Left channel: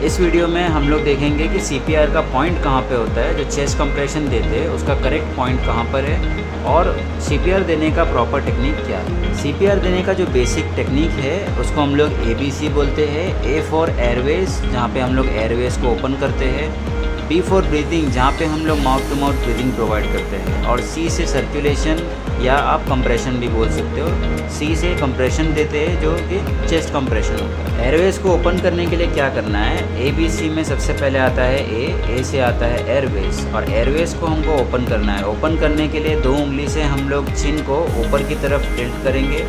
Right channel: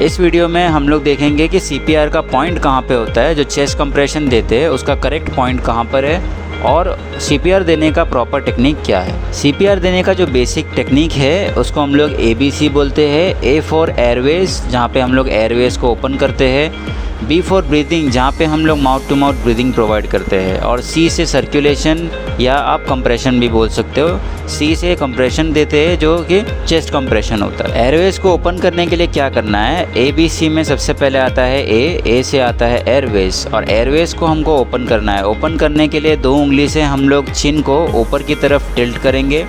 इस वीडियो में हम लोग देखेंगे कि CPR का पॉइंट कहाँ पे होता है, जो चेस्ट कंप्रेशन देते हैं उसका करेक्ट पॉइंट कहाँ पर है, और CPR देने का प्रॉपर टेक्निक क्या है। CPR देने का जो बेसिक टेक्निक है उसको हम लोग ABC बोलते हैं। A फॉर एयरवेज, जहाँ पे हम लोग एयरवेज को ओपन करते हैं। B फॉर ब्रीदिंग, जहाँ पे हम लोग mouth to mouth breathing provide करते हैं। और C से सर्कुलेशन या आप कंप्रेशन भी बोल सकते हो। C से कंप्रेशन देते हैं जो कि चेस्ट कंप्रेशन होता है। एयरवेज को ओपन करने के लिए क्या करना है, ABC में सबसे पहले आता है A से आता है एयरवेज, और एयरवेज को हमको ओपन करना है। ओपन करने के लिए 2 उंगली से हम लोग चिन को ऊपर की तरफ टिल्ट करेंगे।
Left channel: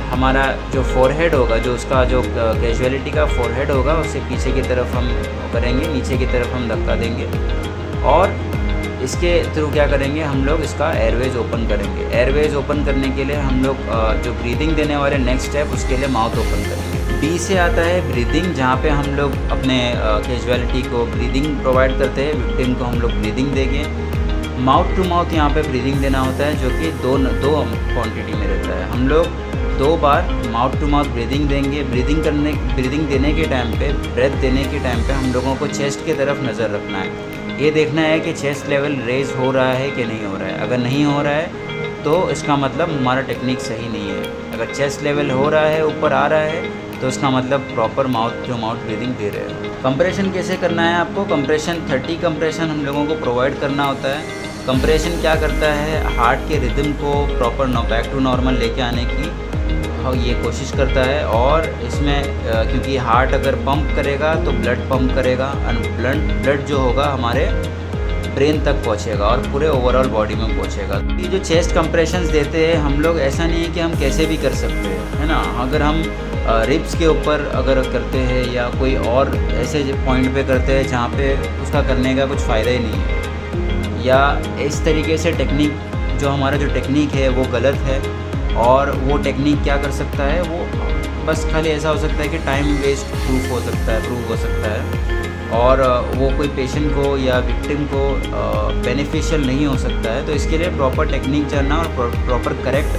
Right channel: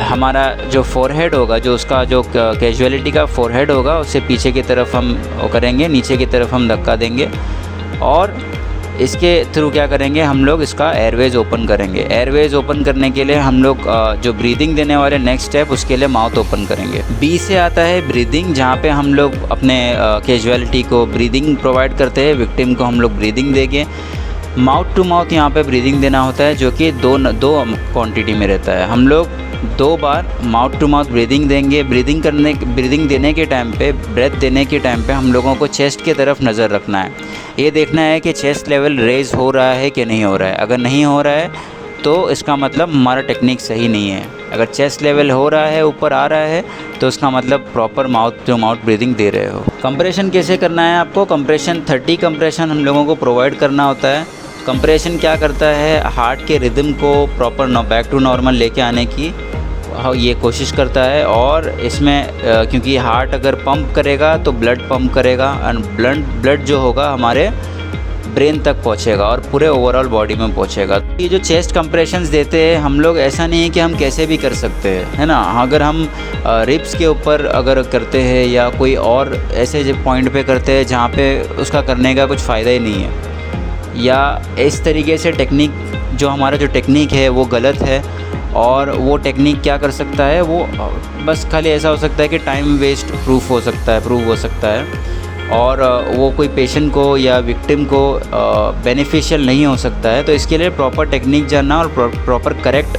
हमारा जो फोरहेड होगा, जो उसका जो कैजुअलिटी का फोरहेड होगा, उससे पीछे की तरफ हम वो करेंगे, नीचे की तरफ हम धक्का देंगे, और इसके थ्रू क्या करेंगे, हम लोग इसका एयरवेज ओपन करेंगे। एयरवेज ओपन करने के लिए हम लोग जो ब्रीदिंग देने वाले नेक्स्ट स्टेप, उसके लिए माउथ ओपन करेंगे। B से आता है ब्रीदिंग, जहाँ पे हम लोग अपने कैजुअलिटी को ब्रीदिंग प्रोवाइड करते हैं, विक्टिम को हम लोग ब्रीदिंग देंगे। माउथ टू माउथ यहाँ पे ब्रीदिंग देना होता है, जो कि दो क्वांटिटी में रहता है। हम लोग 2 बार माउथ टू माउथ ब्रीदिंग देंगे। ब्रीदिंग देने के टाइम पे, ब्रेथ देने के टाइम पे हम लोगों को चेस्ट की तरफ नज़र रखना है। ये देखना है कि चेस्ट लेवल रेज हो रहा है कि नहीं हो रहा है। अगर नहीं हो रहा है तो इसका मतलब हमारा टेक्निक सही नहीं है। अगर चेस्ट लेवल हो रहा है, ऊपर आ रहा है, तो उसका मतलब proper mouth to mouth breathing दे रहे हो। कंप्रेशन कैसे करना है आपको, कंप्रेशन 30 कंप्रेशन हम लोगों को प्रोवाइड करना होता है। कंप्रेशन क्या करता है, हार्ट के रिदम को प्रॉपर बैक टू नॉर्मल लेके आने की ये कोशिश करता है। और इसमें क्योंकि हार्ट अगर पंप करेगा तो ब्लड पंप करेगा, और ब्लड जो होगा हमारे ब्रेन तक पहुंचेगा और पूरे ओवरऑल बॉडी में पहुंचेगा। ये जो चेस्ट कंप्रेशंस देते हैं हम लोग, ऐसा नहीं है कि हम कैसे भी कर सकते हैं, है ना। अगर हम रिब्स के ऊपर अगर करते हैं या कोई और ऐसे पॉइंट पे करते हैं जहाँ पे उसका करने का कुछ फ़ायदा ही नहीं है, या इस तरीके से टेक्निक जो हमारा जो टेक्निक है वो गलत है, और वो टेक्निक क्या कर सकता है, वो बस खाली ऐसा हो सकता है कि टाइम वेस्ट प्रूव हो सकता है, और वो कोई पेशेंट को या विक्टिम को बेनिफिशियल नहीं हो सकता है। तो इसके लिए प्रॉपर टेक्निक जानना और प्रॉपर करेक्ट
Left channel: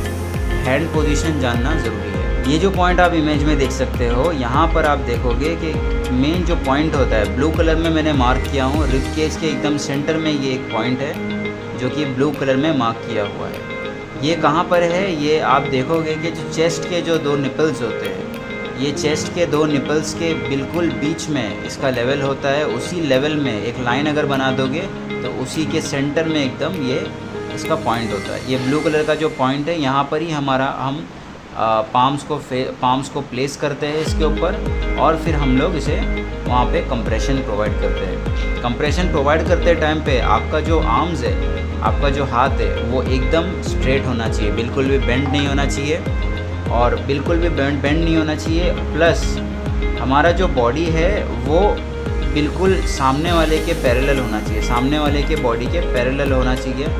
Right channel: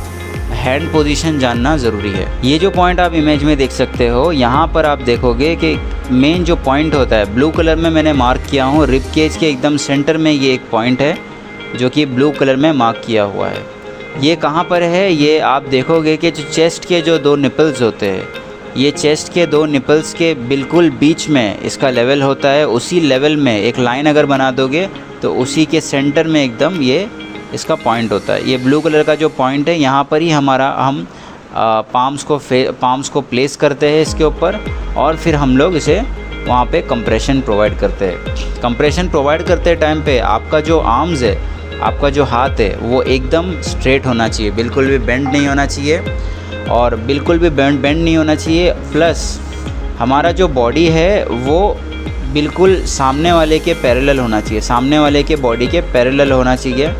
हैंड पोजीशन जानना ज़रूरी है। ये जो पॉइंट आप इमेज में देख सकते हो, यहाँ पर आप देखोगे कि मेन जो पॉइंट होता है, ब्लू कलर में मैंने मार्क किया हूँ, रिब केज के एकदम सेंटर में ये एक पॉइंट है जो कि ब्लू कलर में मार्क किया हुआ है। ये कहाँ पर है, ये आप देखोगे कि जो चेस्ट के जो 2 निपल्स होते हैं, ये चेस्ट के 2 निपल्स के बिल्कुल बीच में इसका लेवल होता है। उसी लेवल में एक लाइन अगर बना दोगे तो उसी के सेंटर में एकदम ये इसका पॉइंट होता है। ये ब्लू कलर का जो पॉइंट है, यहाँ पर ही हम पाम्स को प्लेस करते हैं इसके ऊपर, और फिर हम लोग इसे वहाँ पे कंप्रेशन प्रोवाइड करते हैं। कंप्रेशन प्रोवाइड करते टाइम पे आपका जो आर्म्स है, आपका जो हाथ है, वो एकदम स्ट्रेट होना चाहिए, बिल्कुल भी बेंड नहीं होना चाहिए, और बिल्कुल भी बेंड नहीं होना चाहिए। प्लस हमारा जो बॉडी है वो बिल्कुल सामने वाले के पैरेलल होना चाहिए, सामने वाले के बॉडी के पैरेलल होना चाहिए,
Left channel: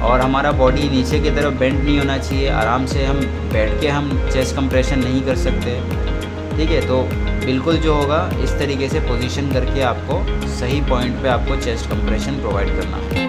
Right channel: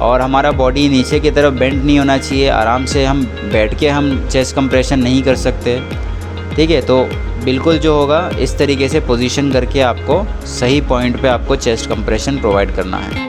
और हमारा बॉडी नीचे की तरफ बेंड नहीं होना चाहिए। आराम से हम बैठ के हम चेस्ट कंप्रेशन नहीं कर सकते, ठीक है। तो बिल्कुल जो होगा इस तरीके से पोजीशन करके आपको सही पॉइंट पे आपको चेस्ट कंप्रेशन प्रोवाइड करना है।